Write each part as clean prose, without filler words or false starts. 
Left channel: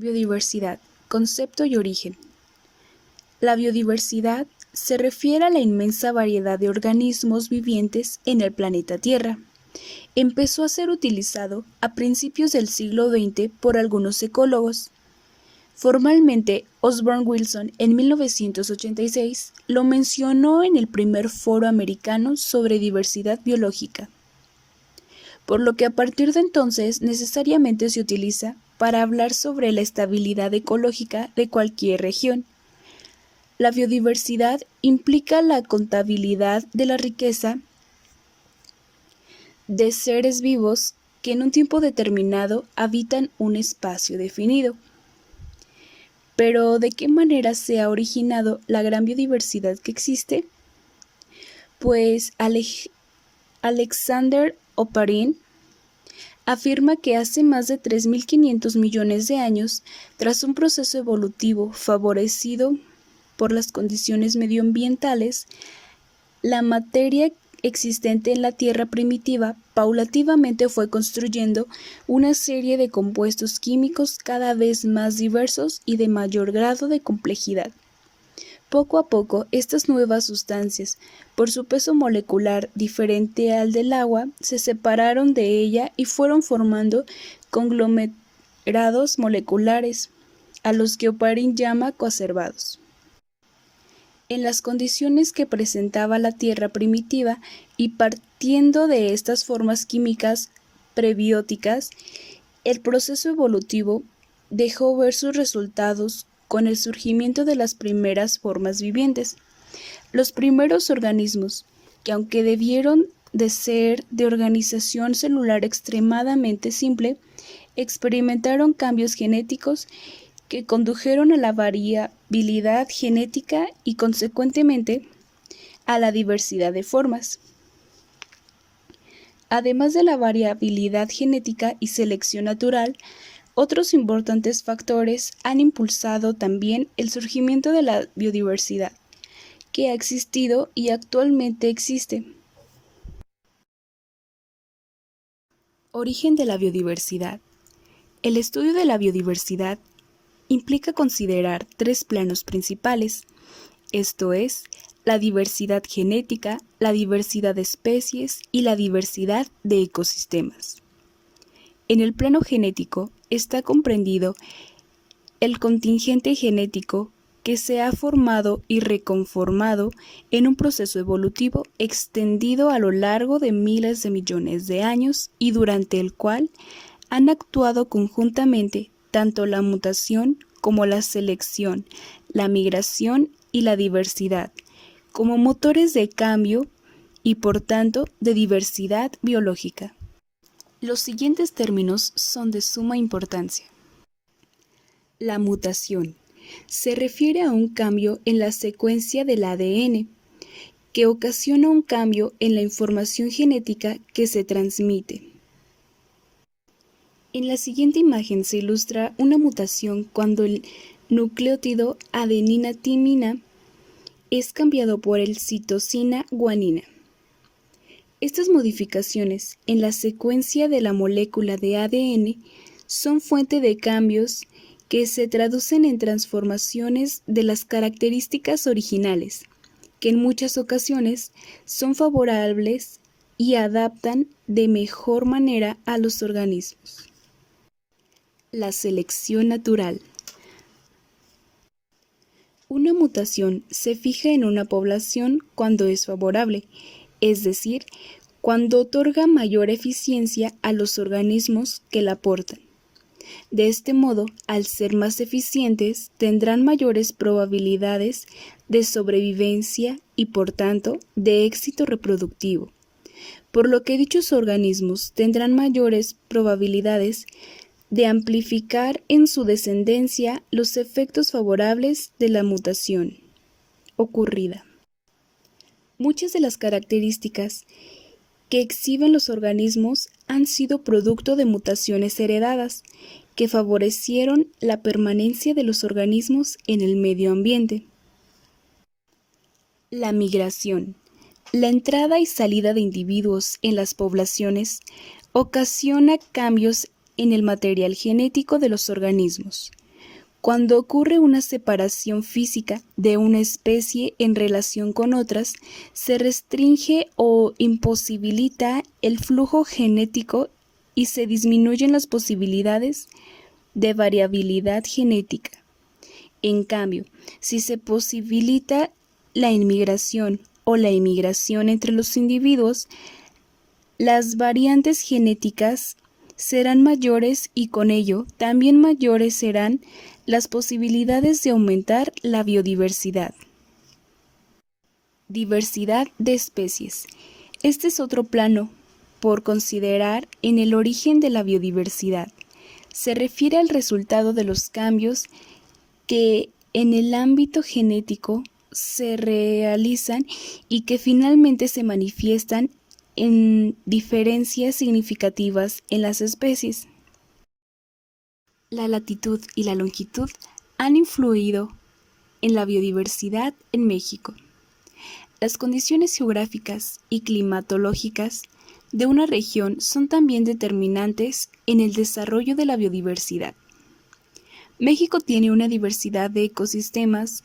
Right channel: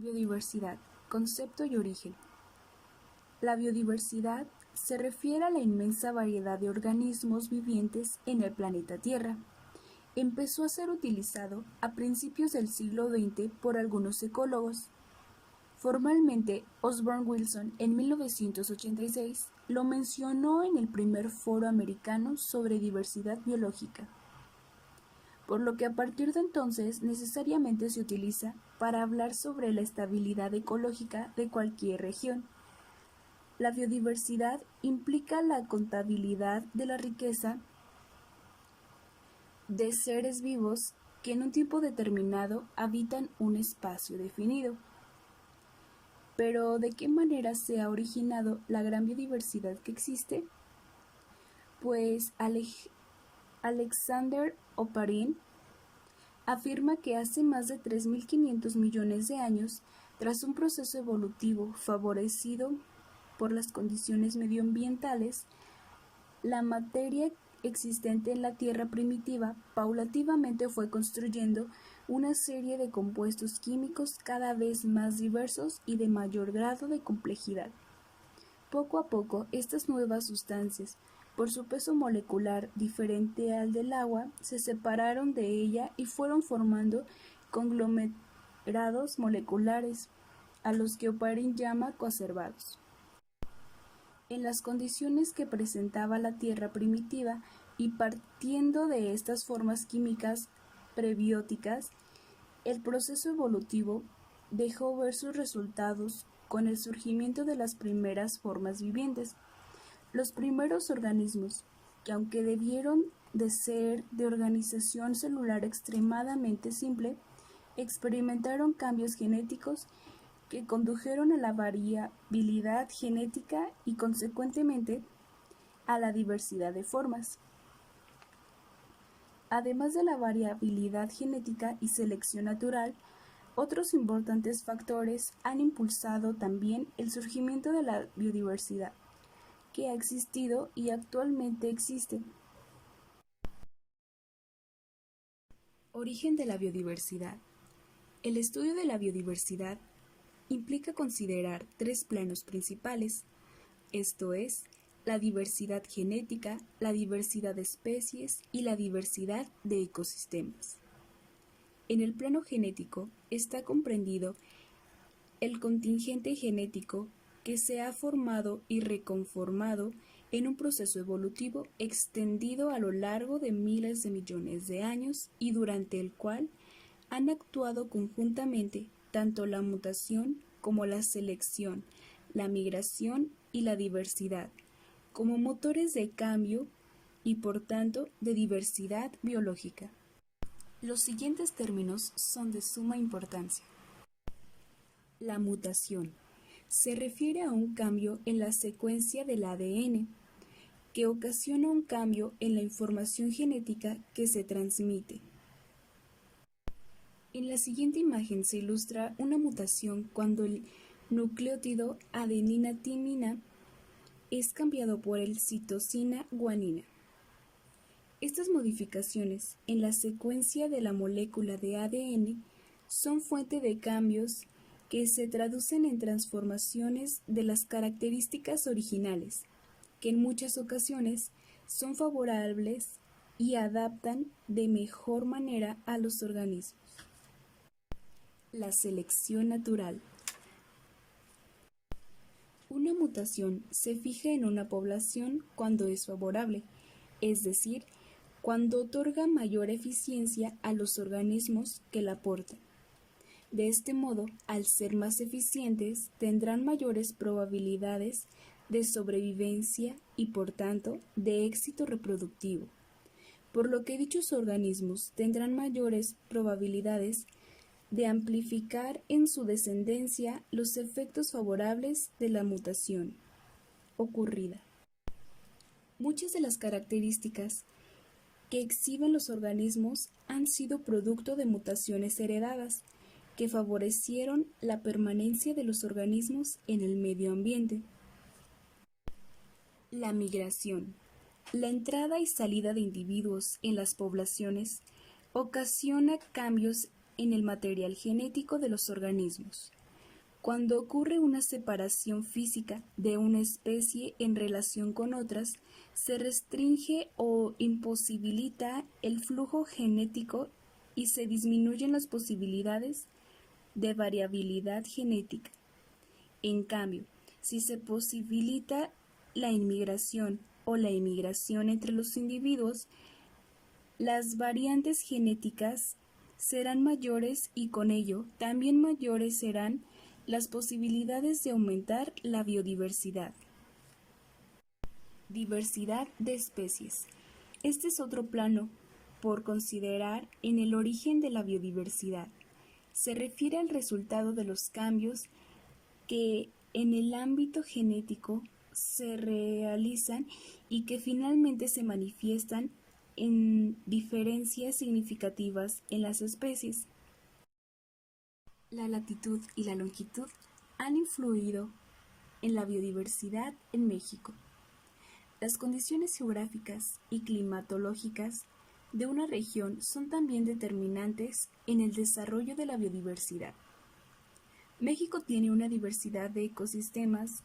Biodiversidad, concepto y origen. La biodiversidad se refiere a la inmensa variedad de organismos vivientes en el planeta Tierra. Empezó a ser utilizado a principios del siglo XX por algunos ecólogos. Formalmente, Osborne Wilson en 1986 lo mencionó en el primer foro americano sobre diversidad biológica, por lo que a partir de entonces necesariamente se utiliza para hablar sobre la estabilidad ecológica de cualquier región. La biodiversidad implica la contabilidad de la riqueza de seres vivos que en un tiempo determinado habitan un espacio definido. Pero, ¿de qué manera se ha originado la gran biodiversidad que existe? Pues Alexander Oparin afirma que hace más de 3.500 millones de años, tras un proceso evolutivo favorecido por las condiciones medioambientales, la materia existente en la Tierra primitiva paulativamente fue construyendo una serie de compuestos químicos cada vez más diversos y de mayor grado de complejidad. Poco a poco, estas nuevas sustancias, por su peso molecular diferente al del agua, se separaron de ella y fueron formando conglomerados moleculares, a los que Oparin llama coacervados. En las condiciones que presentaba la Tierra primitiva y partiendo de estas formas químicas prebióticas, el proceso evolutivo dejó ver sus resultados con el surgimiento de las primeras formas vivientes. Los primeros organismos, que aunque debieron de ser de organización celular extremadamente simple, experimentaron cambios genéticos que condujeron a la variabilidad genética y consecuentemente a la diversidad de formas. Además de la variabilidad genética y selección natural, otros importantes factores han impulsado también el surgimiento de la biodiversidad, que ha existido y actualmente existe. Origen de la biodiversidad. El estudio de la biodiversidad implica considerar tres planos principales, esto es, la diversidad genética, la diversidad de especies y la diversidad de ecosistemas. En el plano genético está comprendido el contingente genético que se ha formado y reconformado en un proceso evolutivo extendido a lo largo de miles de millones de años y durante el cual han actuado conjuntamente tanto la mutación como la selección, la migración y la diversidad, como motores de cambio y por tanto de diversidad biológica. Los siguientes términos son de suma importancia. La mutación se refiere a un cambio en la secuencia del ADN, que ocasiona un cambio en la información genética que se transmite. En la siguiente imagen se ilustra una mutación cuando el nucleótido adenina-timina es cambiado por el citosina-guanina. Estas modificaciones en la secuencia de la molécula de ADN son fuente de cambios que se traducen en transformaciones de las características originales, que en muchas ocasiones son favorables y adaptan de mejor manera a los organismos. La selección natural. Una mutación se fija en una población cuando es favorable, es decir, cuando otorga mayor eficiencia a los organismos que la aportan. De este modo, al ser más eficientes, tendrán mayores probabilidades de sobrevivencia y, por tanto, de éxito reproductivo, por lo que dichos organismos tendrán mayores probabilidades de amplificar en su descendencia los efectos favorables de la mutación ocurrida. Muchas de las características que exhiben los organismos han sido producto de mutaciones heredadas que favorecieron la permanencia de los organismos en el medio ambiente. La migración. La entrada y salida de individuos en las poblaciones ocasiona cambios en el material genético de los organismos. Cuando ocurre una separación física de una especie en relación con otras, se restringe o imposibilita el flujo genético y se disminuyen las posibilidades de variabilidad genética. En cambio, si se posibilita la inmigración o la emigración entre los individuos, las variantes genéticas serán mayores y con ello también mayores serán las posibilidades de aumentar la biodiversidad. Diversidad de especies. Este es otro plano por considerar en el origen de la biodiversidad. Se refiere al resultado de los cambios que en el ámbito genético se realizan y que finalmente se manifiestan en diferencias significativas en las especies. La latitud y la longitud han influido en la biodiversidad en México. Las condiciones geográficas y climatológicas de una región son también determinantes en el desarrollo de la biodiversidad. México tiene una diversidad de ecosistemas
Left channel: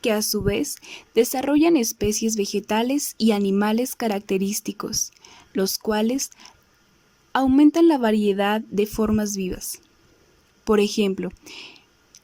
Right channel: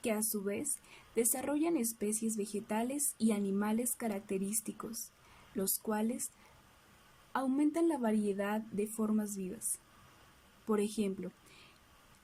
que a su vez desarrollan especies vegetales y animales característicos, los cuales aumentan la variedad de formas vivas. Por ejemplo,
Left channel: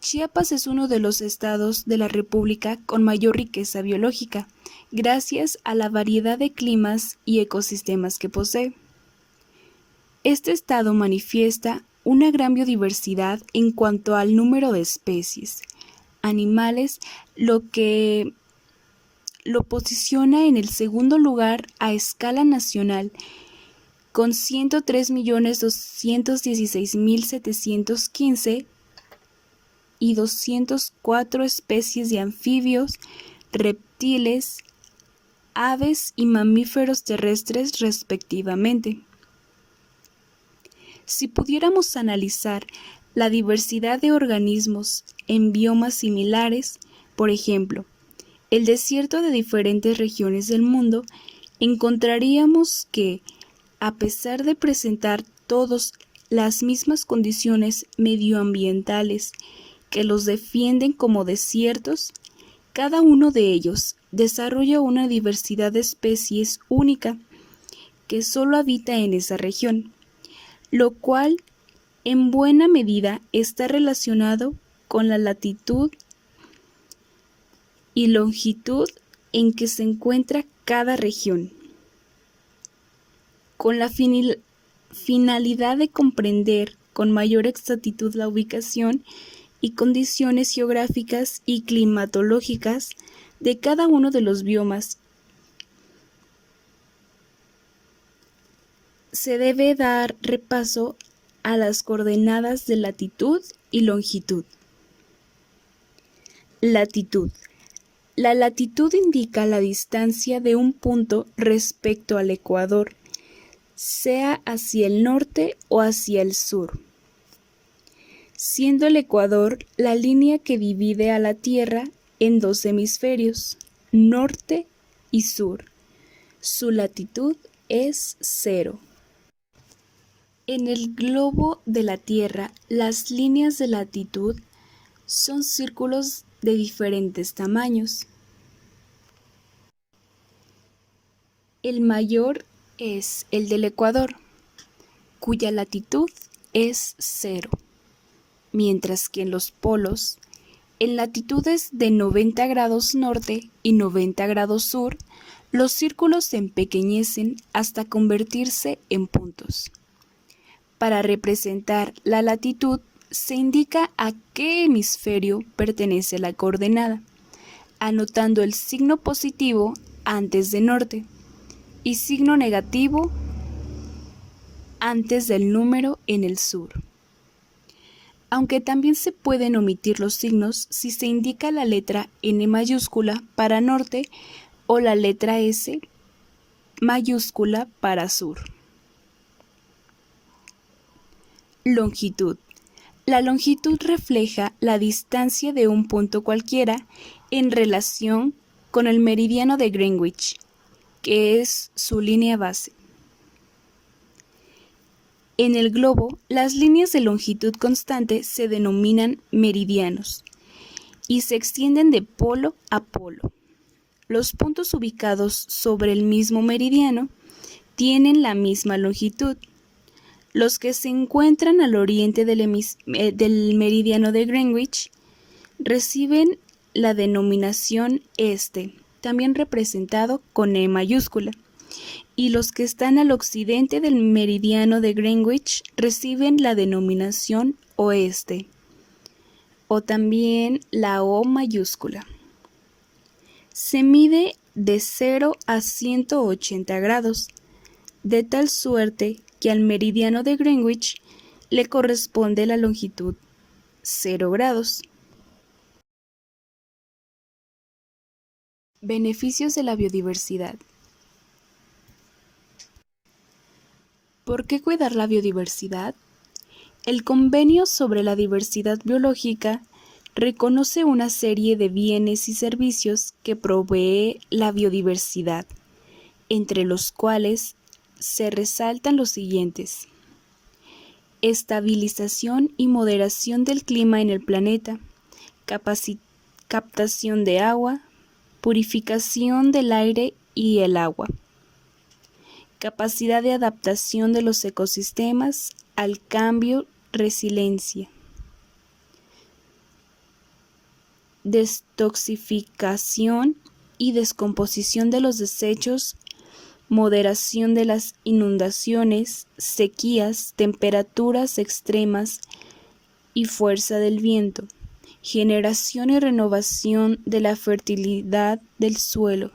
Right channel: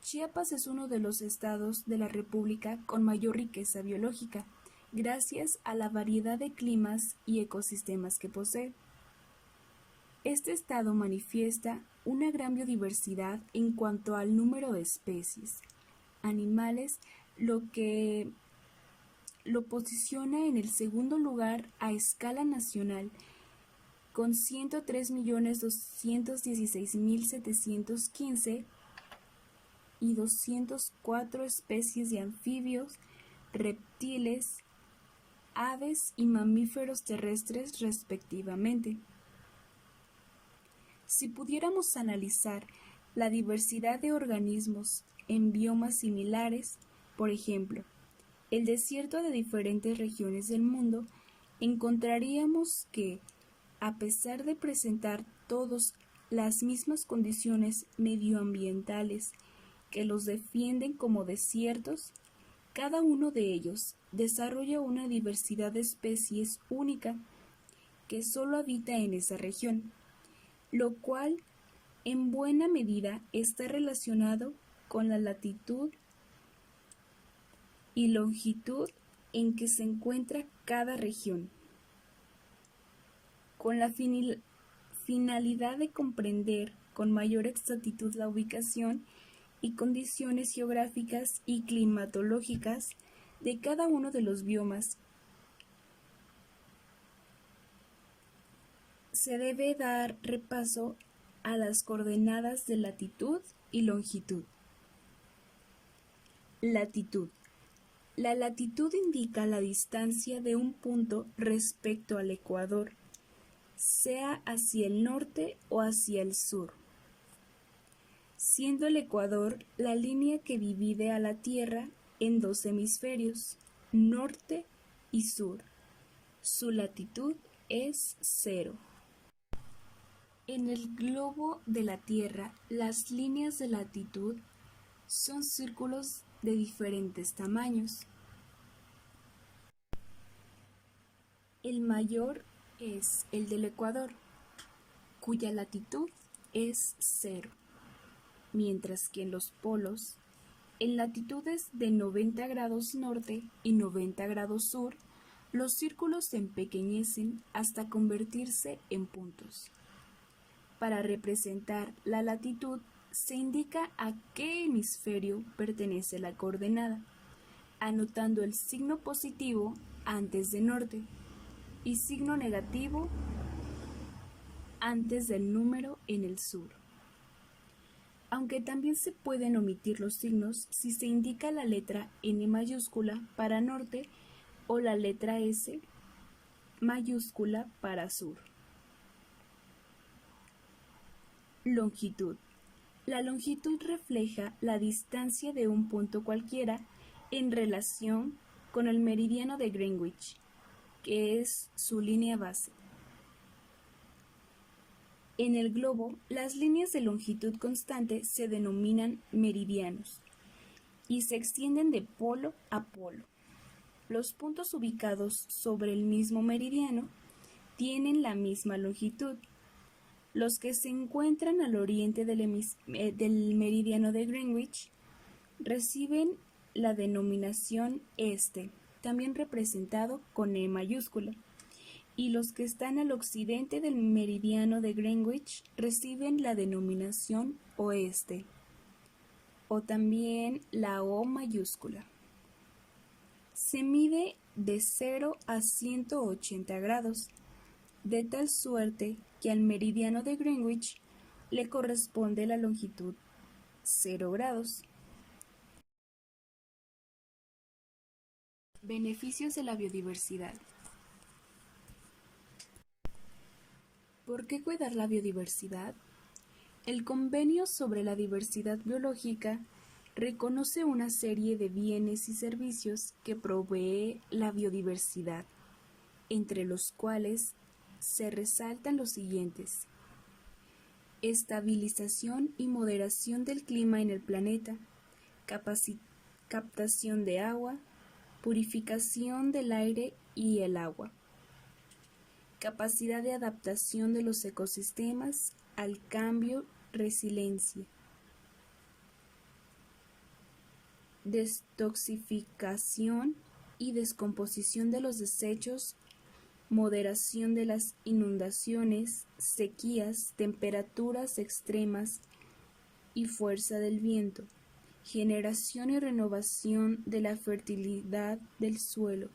Chiapas es uno de los estados de la República con mayor riqueza biológica, gracias a la variedad de climas y ecosistemas que posee. Este estado manifiesta una gran biodiversidad en cuanto al número de especies, animales, lo que lo posiciona en el segundo lugar a escala nacional, con 103.216.715 y 204 especies de anfibios, reptiles, aves y mamíferos terrestres respectivamente. Si pudiéramos analizar la diversidad de organismos en biomas similares, por ejemplo, el desierto de diferentes regiones del mundo, encontraríamos que, a pesar de presentar todos las mismas condiciones medioambientales que los defienden como desiertos, cada uno de ellos desarrolla una diversidad de especies única que solo habita en esa región, lo cual en buena medida está relacionado con la latitud y longitud en que se encuentra cada región, con la finalidad de comprender con mayor exactitud la ubicación y condiciones geográficas y climatológicas de cada uno de los biomas. Se debe dar repaso a las coordenadas de latitud y longitud. Latitud. La latitud indica la distancia de un punto respecto al ecuador, sea hacia el norte o hacia el sur, siendo el ecuador la línea que divide a la Tierra en dos hemisferios, norte y sur. Su latitud es 0. En el globo de la Tierra, las líneas de latitud son círculos de diferentes tamaños. El mayor es el del Ecuador, cuya latitud es 0, mientras que en los polos, en latitudes de 90 grados norte y 90 grados sur, los círculos se empequeñecen hasta convertirse en puntos. Para representar la latitud, se indica a qué hemisferio pertenece la coordenada, anotando el signo positivo antes de norte y signo negativo antes del número en el sur. Aunque también se pueden omitir los signos si se indica la letra N mayúscula para norte o la letra S mayúscula para sur. Longitud. La longitud refleja la distancia de un punto cualquiera en relación con el meridiano de Greenwich, que es su línea base. En el globo, las líneas de longitud constante se denominan meridianos y se extienden de polo a polo. Los puntos ubicados sobre el mismo meridiano tienen la misma longitud. Los que se encuentran al oriente del meridiano de Greenwich reciben la denominación este, también representado con E mayúscula, y los que están al occidente del meridiano de Greenwich reciben la denominación oeste, o también la O mayúscula. Se mide de 0 a 180 grados, de tal suerte que al meridiano de Greenwich le corresponde la longitud 0 grados. Beneficios de la biodiversidad. ¿Por qué cuidar la biodiversidad? El Convenio sobre la Diversidad Biológica reconoce una serie de bienes y servicios que provee la biodiversidad, entre los cuales se resaltan los siguientes: estabilización y moderación del clima en el planeta, captación de agua, purificación del aire y el agua, capacidad de adaptación de los ecosistemas al cambio, resiliencia, destoxificación y descomposición de los desechos, moderación de las inundaciones, sequías, temperaturas extremas y fuerza del viento, generación y renovación de la fertilidad del suelo,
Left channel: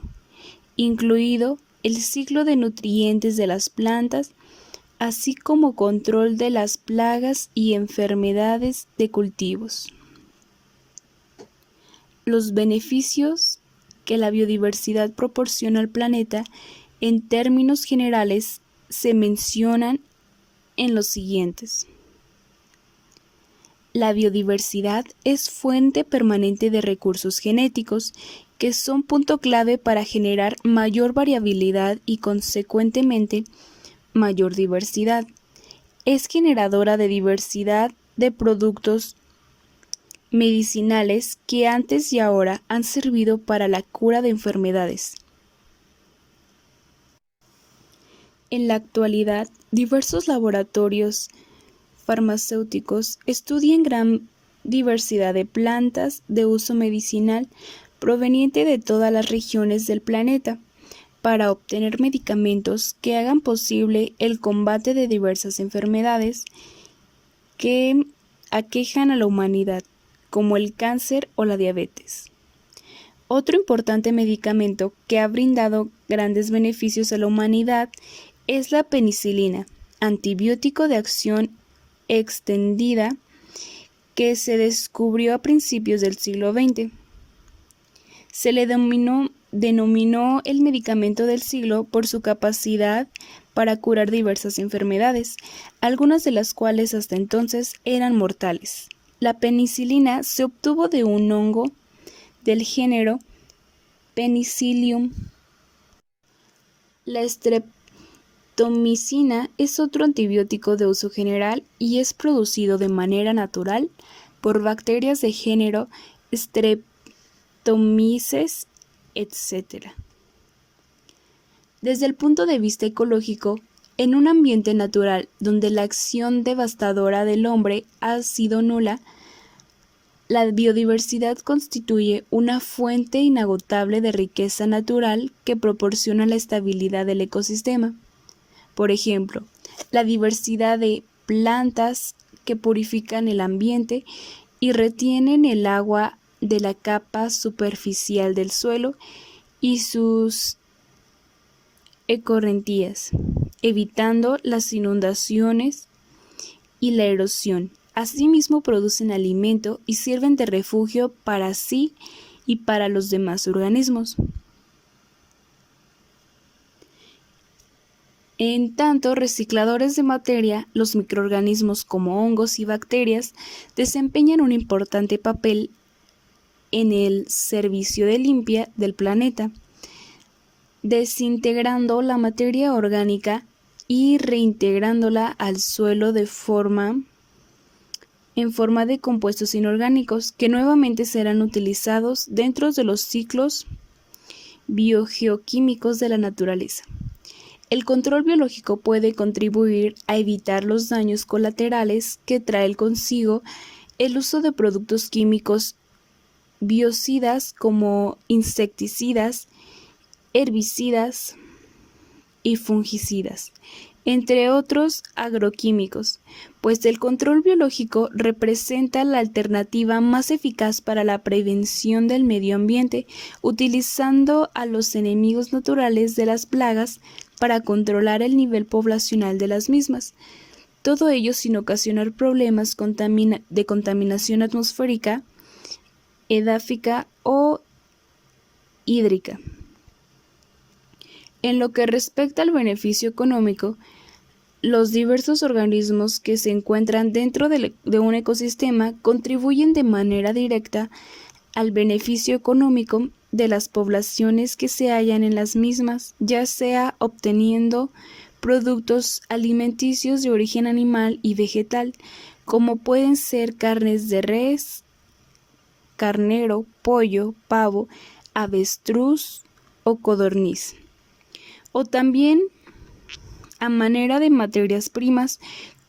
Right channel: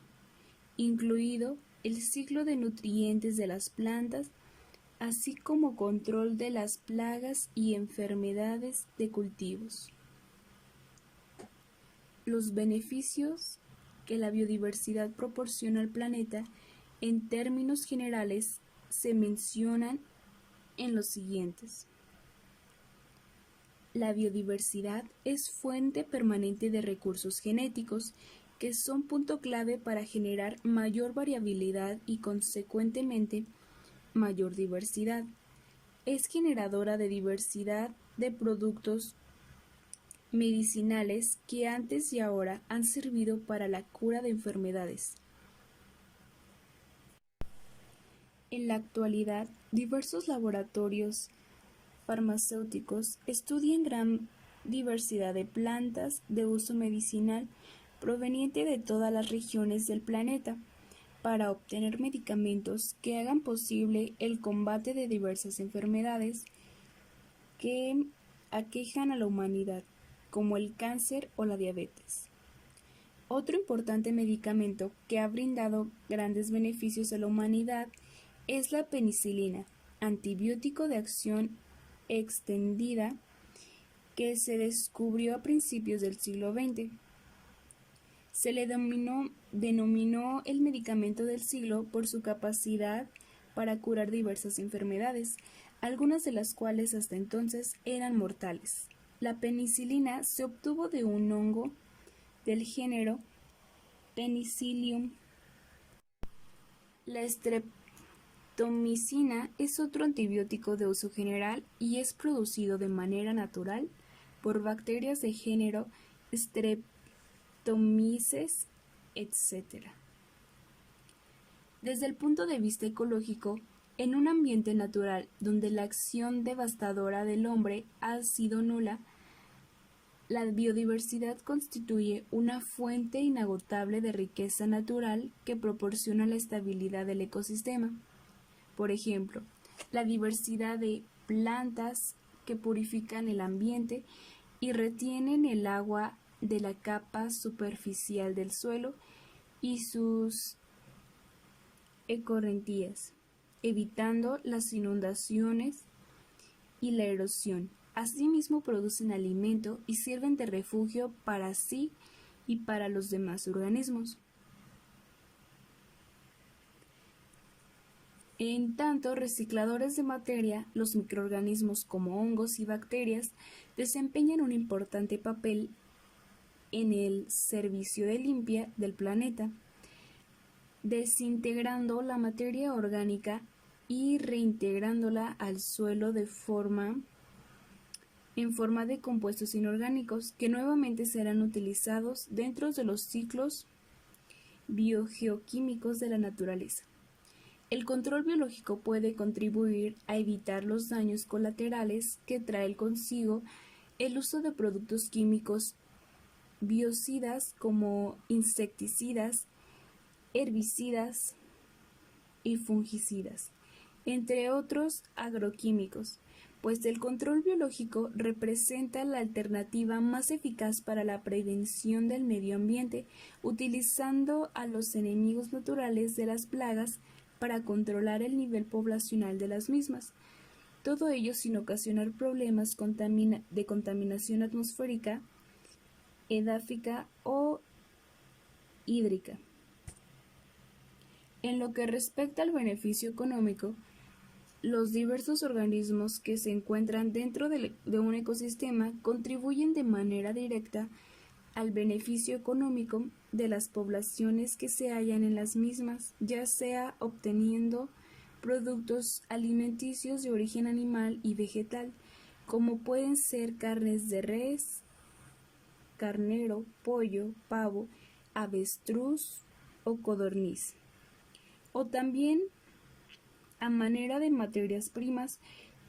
incluido el ciclo de nutrientes de las plantas, así como control de las plagas y enfermedades de cultivos. Los beneficios que la biodiversidad proporciona al planeta en términos generales se mencionan en los siguientes. La biodiversidad es fuente permanente de recursos genéticos que son punto clave para generar mayor variabilidad y consecuentemente mayor diversidad. Es generadora de diversidad de productos medicinales que antes y ahora han servido para la cura de enfermedades. En la actualidad, diversos laboratorios farmacéuticos estudian gran diversidad de plantas de uso medicinal proveniente de todas las regiones del planeta para obtener medicamentos que hagan posible el combate de diversas enfermedades que aquejan a la humanidad, como el cáncer o la diabetes. Otro importante medicamento que ha brindado grandes beneficios a la humanidad es la penicilina, antibiótico de acción extendida que se descubrió a principios del siglo XX. Se le denominó el medicamento del siglo por su capacidad para curar diversas enfermedades, algunas de las cuales hasta entonces eran mortales. La penicilina se obtuvo de un hongo del género Penicillium. La streptomicina es otro antibiótico de uso general y es producido de manera natural por bacterias de género Streptomyces, etc. Desde el punto de vista ecológico, en un ambiente natural donde la acción devastadora del hombre ha sido nula, la biodiversidad constituye una fuente inagotable de riqueza natural que proporciona la estabilidad del ecosistema. Por ejemplo, la diversidad de plantas que purifican el ambiente y retienen el agua de la capa superficial del suelo y sus escorrentías, evitando las inundaciones y la erosión. Asimismo producen alimento y sirven de refugio para sí y para los demás organismos. En tanto, recicladores de materia, los microorganismos como hongos y bacterias desempeñan un importante papel en el servicio de limpia del planeta, desintegrando la materia orgánica y reintegrándola al suelo en forma de compuestos inorgánicos que nuevamente serán utilizados dentro de los ciclos biogeoquímicos de la naturaleza. El control biológico puede contribuir a evitar los daños colaterales que trae consigo el uso de productos químicos biocidas como insecticidas, herbicidas y fungicidas, entre otros agroquímicos, pues el control biológico representa la alternativa más eficaz para la prevención del medio ambiente, utilizando a los enemigos naturales de las plagas para controlar el nivel poblacional de las mismas. Todo ello sin ocasionar problemas de contaminación atmosférica, edáfica o hídrica. En lo que respecta al beneficio económico, los diversos organismos que se encuentran dentro de un ecosistema contribuyen de manera directa al beneficio económico de las poblaciones que se hallan en las mismas, ya sea obteniendo productos alimenticios de origen animal y vegetal, como pueden ser carnes de res, carnero, pollo, pavo, avestruz o codorniz, o también a manera de materias primas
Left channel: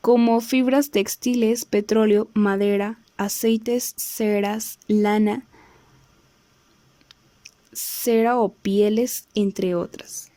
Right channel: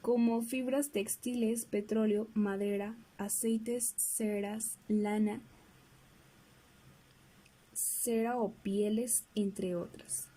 como fibras textiles, petróleo, madera, aceites, ceras, lana, cera o pieles, entre otras.